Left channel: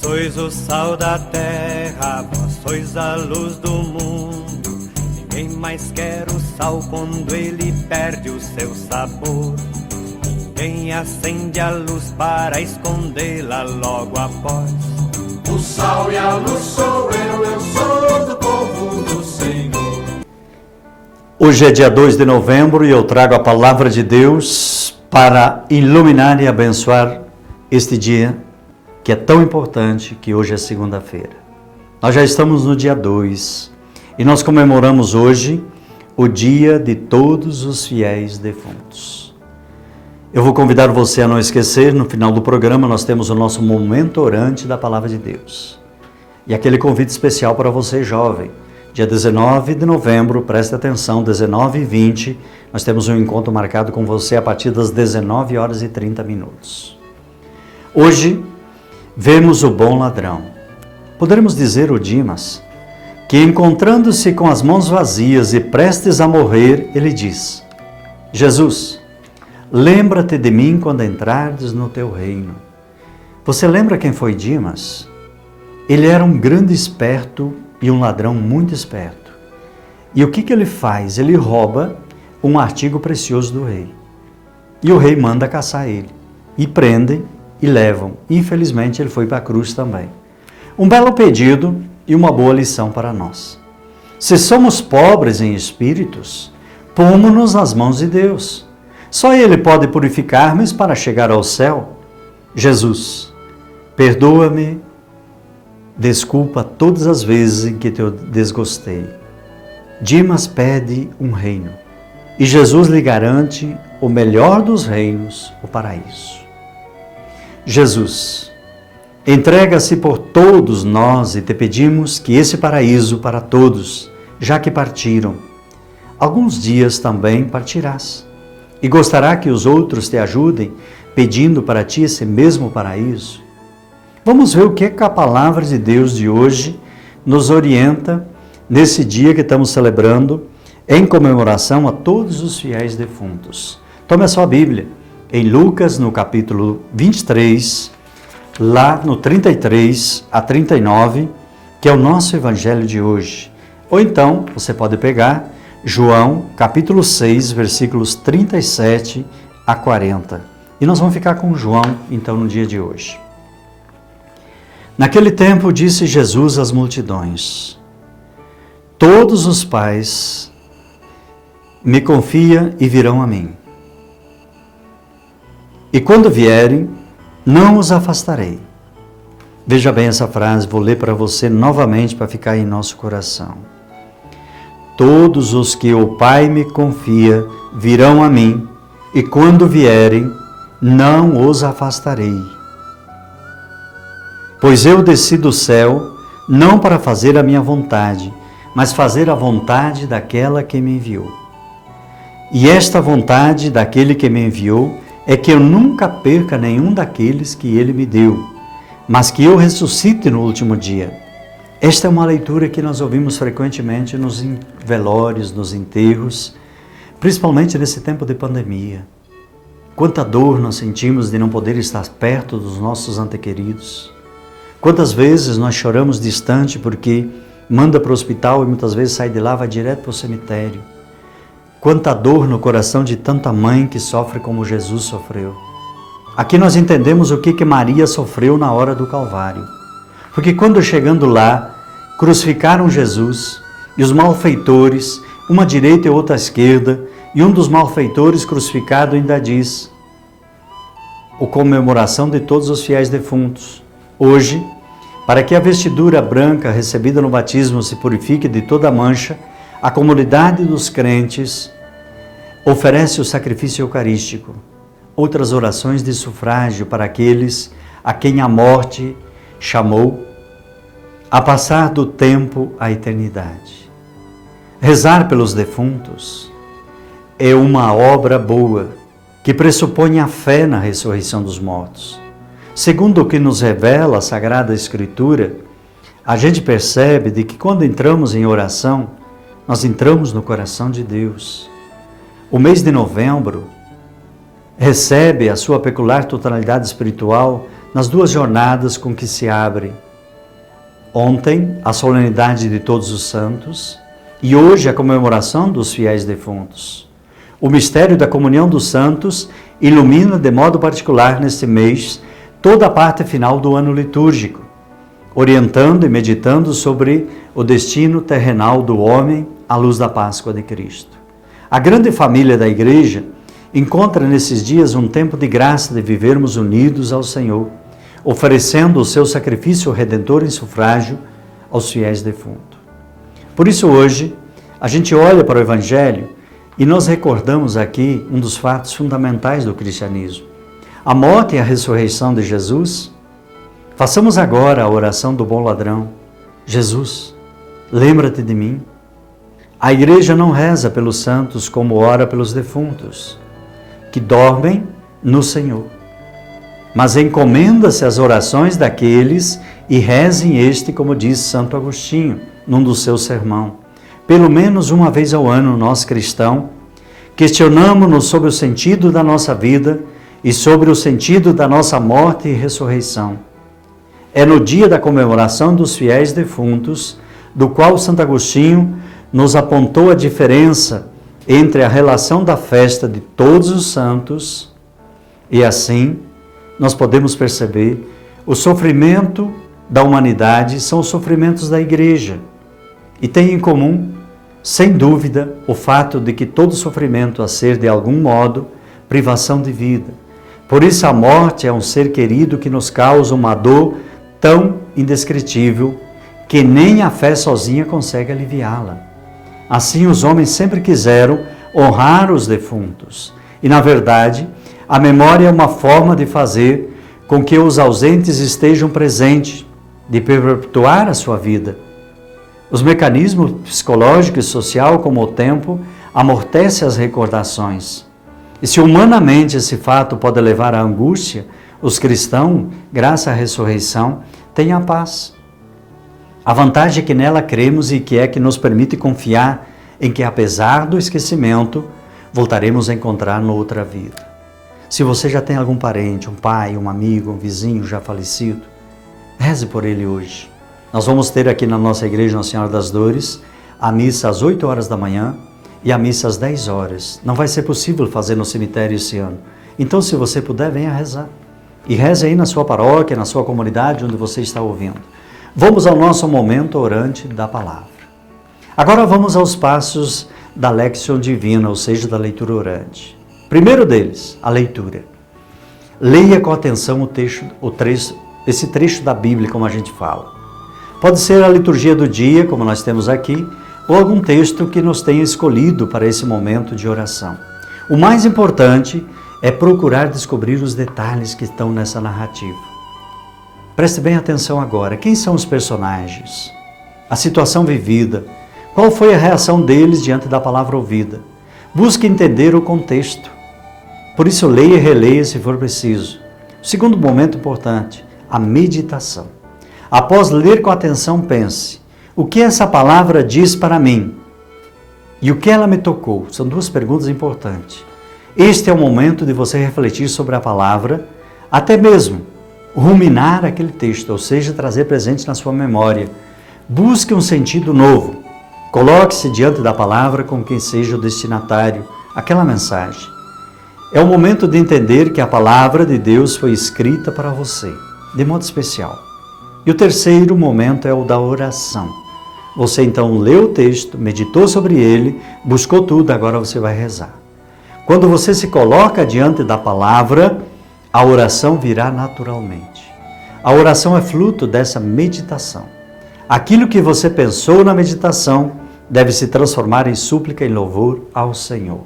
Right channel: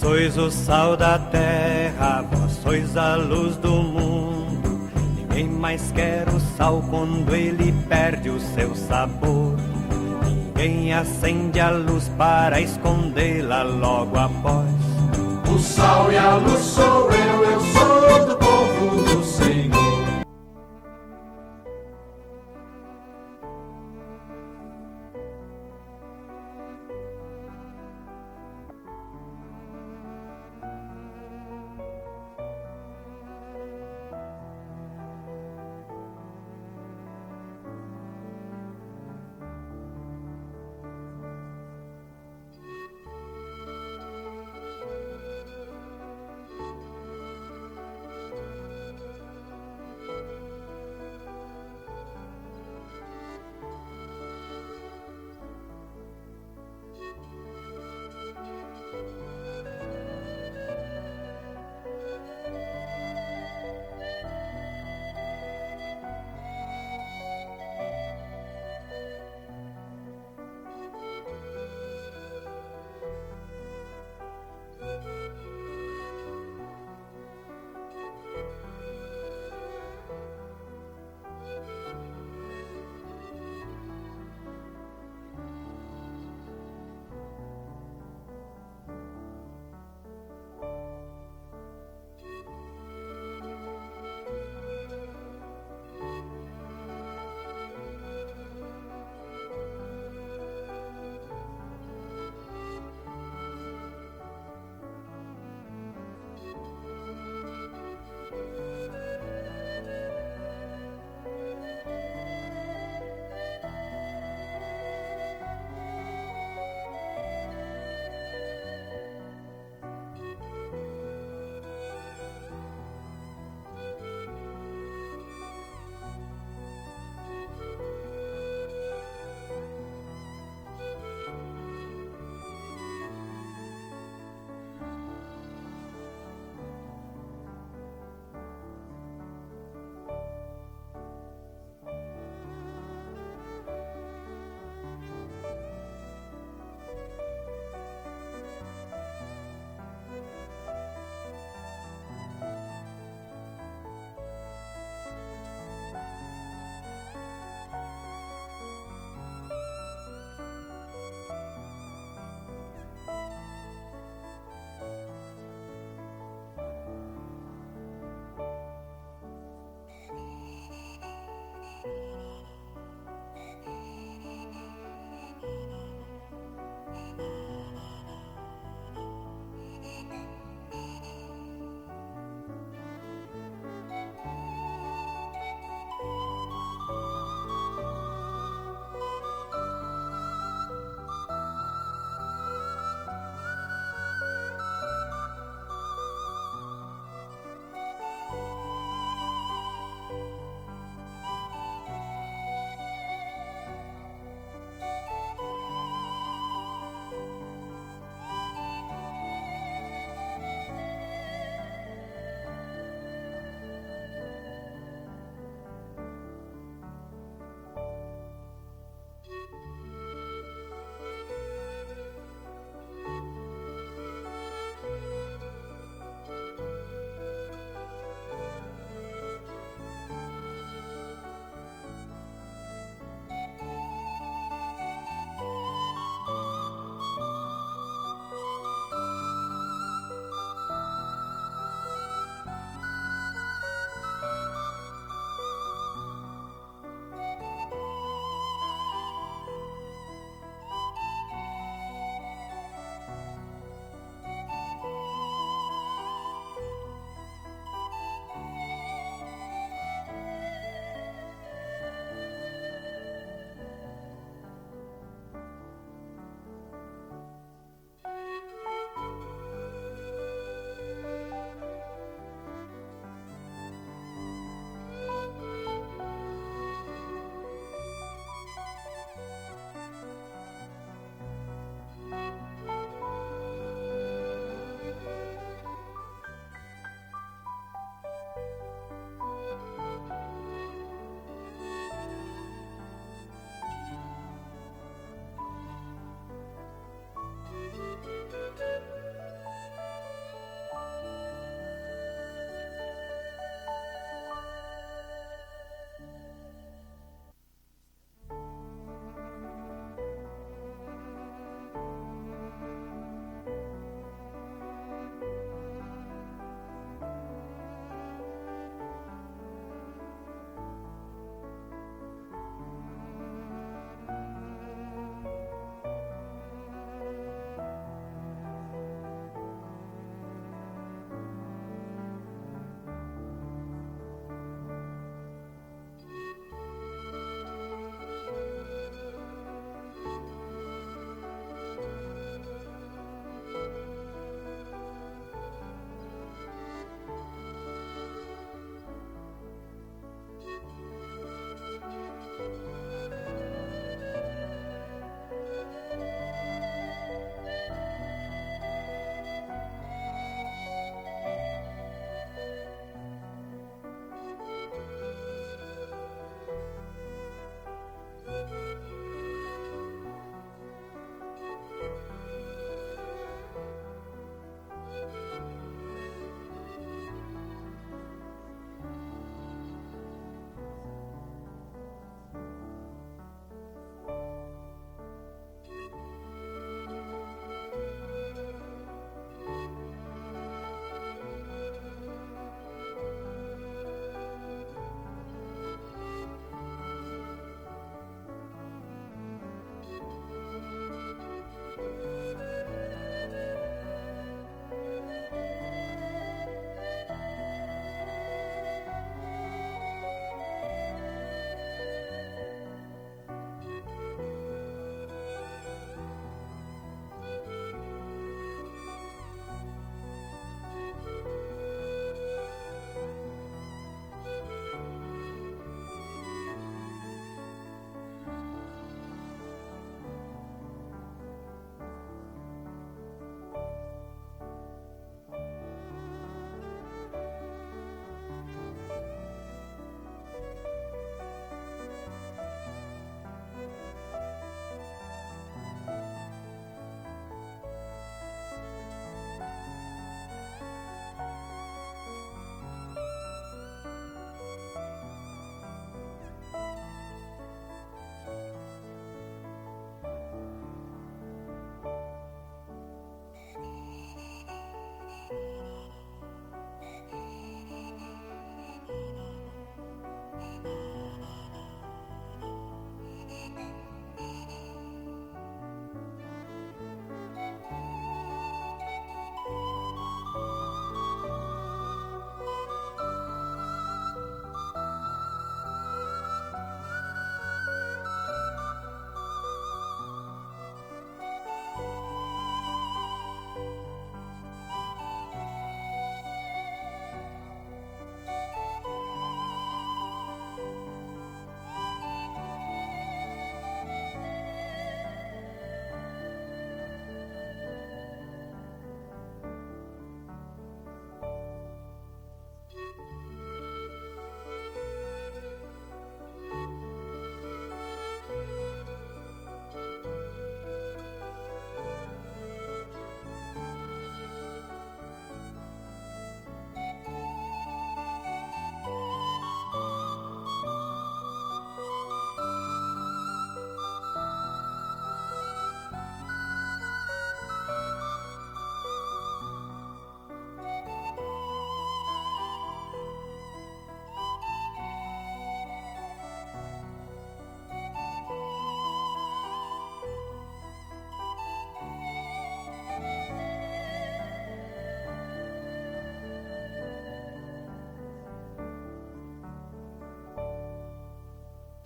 sois o sal da terra, vós sois a luz do mundo. Ninguém mais quer o sal quando ele perde o seu sabor. Ninguém acende a luz para escondê-la logo após. O sal e a luz sou eu sou do povo do Senhor. Hoje é dia 2 de novembro e eu trago a palavra de Deus para iluminar e abençoar este dia que é tão importante, que hoje é segunda-feira. Nós já estamos no dia 2 e nós comemoramos hoje o dia de todos os fiéis defuntos. Eu vou convidar você a não esquecer, no final do programa nós temos o nosso momento orante da Palavra de Deus. E aquele convite especial para você jovem, dia 19 de novembro, preste atenção, 19h20, nós temos um encontro marcado com você a partir das 19h30. Hoje, vemos o bom ladrão. Poderemos dizer o Dimas, que encontrando-se com as mãos vazias e prestes a morrer, ele diz: Jesus, lembra-te de mim quando entrares no teu reino. Você lembra quem foi Dimas? Ele era um grande esperto e um ladrão muito esperto. E o que ele faz? Ele rouba um artigo precioso do rei. E o rei manda caçar ele. E prendem e levam. Infelizmente, ele foi para a cruz também. Um belo pedido e uma boa lição para nós. Se somos pobres em espíritos, pomo-nos nas mãos de Deus. Só Ele pode purificar-nos para chegar ao céu. Jesus, perdoa-me, desculpa todas as vezes em que te desgostei. Dimas pede um reino e Jesus lhe garante o melhor dos reinos, o paraíso. Jesus, entrega-se por todos nós e te pedimos que esse paraíso para todos, já que partiram, alguns dias também partirás. E gostará que os outros te ajudem, pedindo para ti esse mesmo paraíso? Vamos ver o que a palavra de Deus de hoje nos orienta nesse dia que estamos celebrando em comemoração a todos os fiéis defuntos. Tome a sua Bíblia, em Lucas, no capítulo 23, lá no 33 a 39, que é o nosso evangelho de hoje. Ou então, você pode pegar João, capítulo 6, versículos 37 a 40. E nós vamos ficar com João, então, no dia de hoje. Naquele tempo, disse Jesus às multidões: todos os pais me confiam e virão a mim. E quando vierem, não os afastarei. Veja bem essa frase, vou ler para você novamente para ficar em nosso coração. Todos os que o Pai me confia virão a mim, e quando vierem, não os afastarei. Pois eu desci do céu, não para fazer a minha vontade, mas fazer a vontade daquela que me enviou. E esta vontade daquele que me enviou é que eu nunca perca nenhum daqueles que ele me deu, mas que eu ressuscite no último dia. Esta é uma leitura que nós ouvimos frequentemente nos velórios, nos enterros, principalmente nesse tempo de pandemia. Quanta dor nós sentimos de não poder estar perto dos nossos antequeridos. Quantas vezes nós choramos distante porque manda para o hospital e muitas vezes sai de lá, vai direto para o cemitério. Quanta dor no coração de tanta mãe que sofre como Jesus sofreu. Aqui nós entendemos o que Maria sofreu na hora do Calvário. Porque quando chegando lá, crucificaram Jesus e os malfeitores, uma à direita e outra à esquerda, e um dos malfeitores crucificado ainda diz: a comemoração de todos os fiéis defuntos. Hoje, para que a vestidura branca recebida no batismo se purifique de toda mancha, a comunidade dos crentes oferece o sacrifício eucarístico, outras orações de sufrágio para aqueles a quem a morte chamou a passar do tempo à eternidade. Rezar pelos defuntos é uma obra boa que pressupõe a fé na ressurreição dos mortos. Segundo o que nos revela a Sagrada Escritura, a gente percebe de que quando entramos em oração, nós entramos no coração de Deus. O mês de novembro recebe a sua peculiar totalidade espiritual nas duas jornadas com que se abre ontem a solenidade de Todos os Santos e hoje a comemoração dos fiéis defuntos. O mistério da comunhão dos santos ilumina de modo particular neste mês toda a parte final do ano litúrgico, orientando e meditando sobre o destino terrenal do homem à luz da Páscoa de Cristo. A grande família da Igreja encontra nesses dias um tempo de graça de vivermos unidos ao Senhor, oferecendo o seu sacrifício redentor em sufrágio aos fiéis defuntos. Por isso hoje, a gente olha para o Evangelho e nós recordamos aqui um dos fatos fundamentais do cristianismo, a morte e a ressurreição de Jesus. Façamos agora a oração do bom ladrão. Jesus, lembra-te de mim. A Igreja não reza pelos santos como ora pelos defuntos, que dormem no Senhor, mas encomenda-se às orações daqueles e rezem este, como diz Santo Agostinho, num dos seus sermões. Pelo menos uma vez ao ano, nós cristãos, questionamos-nos sobre o sentido da nossa vida e sobre o sentido da nossa morte e ressurreição. É no dia da comemoração dos fiéis defuntos, do qual Santo Agostinho nos apontou a diferença entre a relação da festa de todos os santos e assim nós podemos perceber o sofrimento da humanidade são os sofrimentos da Igreja e tem em comum, sem dúvida, o fato de que todo sofrimento a ser de algum modo privação de vida. Por isso a morte é um ser querido que nos causa uma dor tão indescritível que nem a fé sozinha consegue aliviá-la. Assim os homens sempre quiseram honrar os defuntos. E na verdade, a memória é uma forma de fazer com que os ausentes estejam presentes, de perpetuar a sua vida. Os mecanismos psicológicos e social, como o tempo, amortecem as recordações. E se humanamente esse fato pode levar à angústia, os cristãos, graças à ressurreição, têm a paz. A vantagem é que nela cremos e que é que nos permite confiar em que, apesar do esquecimento, voltaremos a encontrar noutra vida. Se você já tem algum parente, um pai, um amigo, um vizinho já falecido, reze por ele hoje. Nós vamos ter aqui na nossa igreja Nossa Senhora das Dores a missa às 8 horas da manhã e a missa às 10 horas. Não vai ser possível fazer no cemitério esse ano. Então, se você puder, venha rezar. E reze aí na sua paróquia, na sua comunidade, onde você está ouvindo. Vamos ao nosso momento orante da palavra. Agora vamos aos passos da Lectio Divina, ou seja, da leitura orante. Primeiro deles, a leitura. Leia com atenção esse trecho da Bíblia, como a gente fala. Pode ser a liturgia do dia, como nós temos aqui, ou algum texto que nos tenha escolhido para esse momento de oração. O mais importante é procurar descobrir os detalhes que estão nessa narrativa. Preste bem atenção agora. Quem são os personagens? A situação vivida. Qual foi a reação deles diante da palavra ouvida? Busque entender o contexto. Por isso, leia e releia se for preciso. O segundo momento importante, a meditação. Após ler com atenção, pense: o que essa palavra diz para mim? E o que ela me tocou? São duas perguntas importantes. Este é o momento de você refletir sobre a palavra, até mesmo ruminar aquele texto, ou seja, trazer presente na sua memória. Busque um sentido novo. Coloque-se diante da palavra com quem seja o destinatário, aquela mensagem. É o momento de entender que a palavra de Deus foi escrita para você, de modo especial. E o terceiro momento é o da oração. Você então leu o texto, meditou sobre ele, buscou tudo, agora você vai rezar. Quando você se coloca diante da palavra, a oração virá naturalmente. A oração é fruto dessa meditação. Aquilo que você pensou na meditação deve se transformar em súplica e louvor ao Senhor.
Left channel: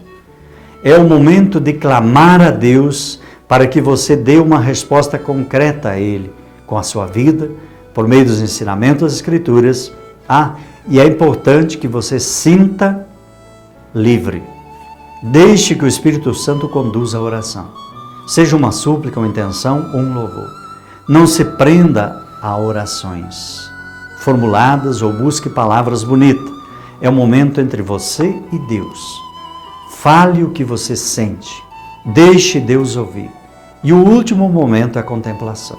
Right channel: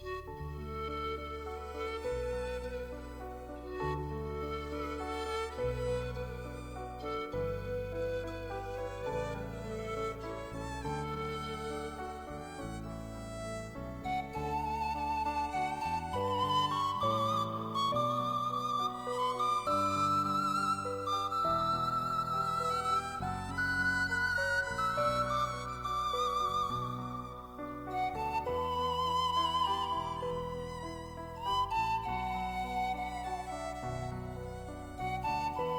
É o momento de clamar a Deus para que você dê uma resposta concreta a Ele, com a sua vida, por meio dos ensinamentos das Escrituras. E é importante que você sinta livre. Deixe que o Espírito Santo conduza a oração. Seja uma súplica, uma intenção ou um louvor. Não se prenda a orações formuladas ou busque palavras bonitas. É o momento entre você e Deus. Fale o que você sente. Deixe Deus ouvir. E o último momento é a contemplação.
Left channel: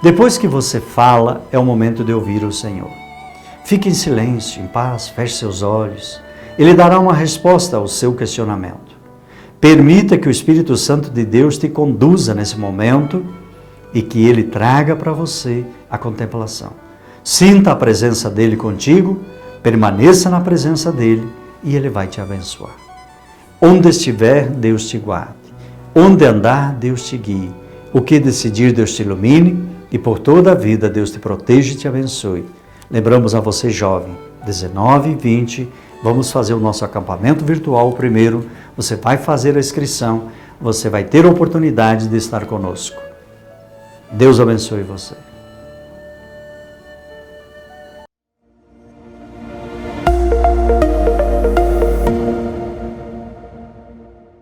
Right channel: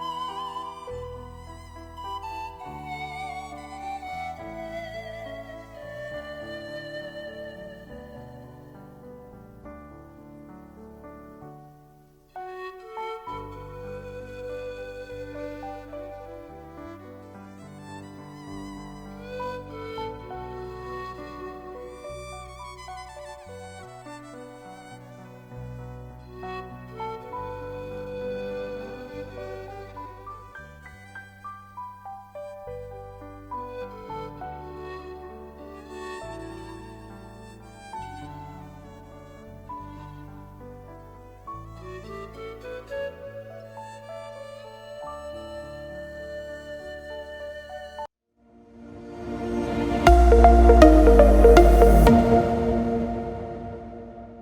Depois que você fala, é o momento de ouvir o Senhor. Fique em silêncio, em paz, feche seus olhos. Ele dará uma resposta ao seu questionamento. Permita que o Espírito Santo de Deus te conduza nesse momento e que Ele traga para você a contemplação. Sinta a presença dEle contigo, permaneça na presença dEle e Ele vai te abençoar. Onde estiver, Deus te guarde. Onde andar, Deus te guie. O que decidir, Deus te ilumine e por toda a vida Deus te proteja e te abençoe. Lembramos a você, jovem, 19 e 20, vamos fazer o nosso acampamento virtual primeiro. Você vai fazer a inscrição, você vai ter a oportunidade de estar conosco. Deus abençoe você.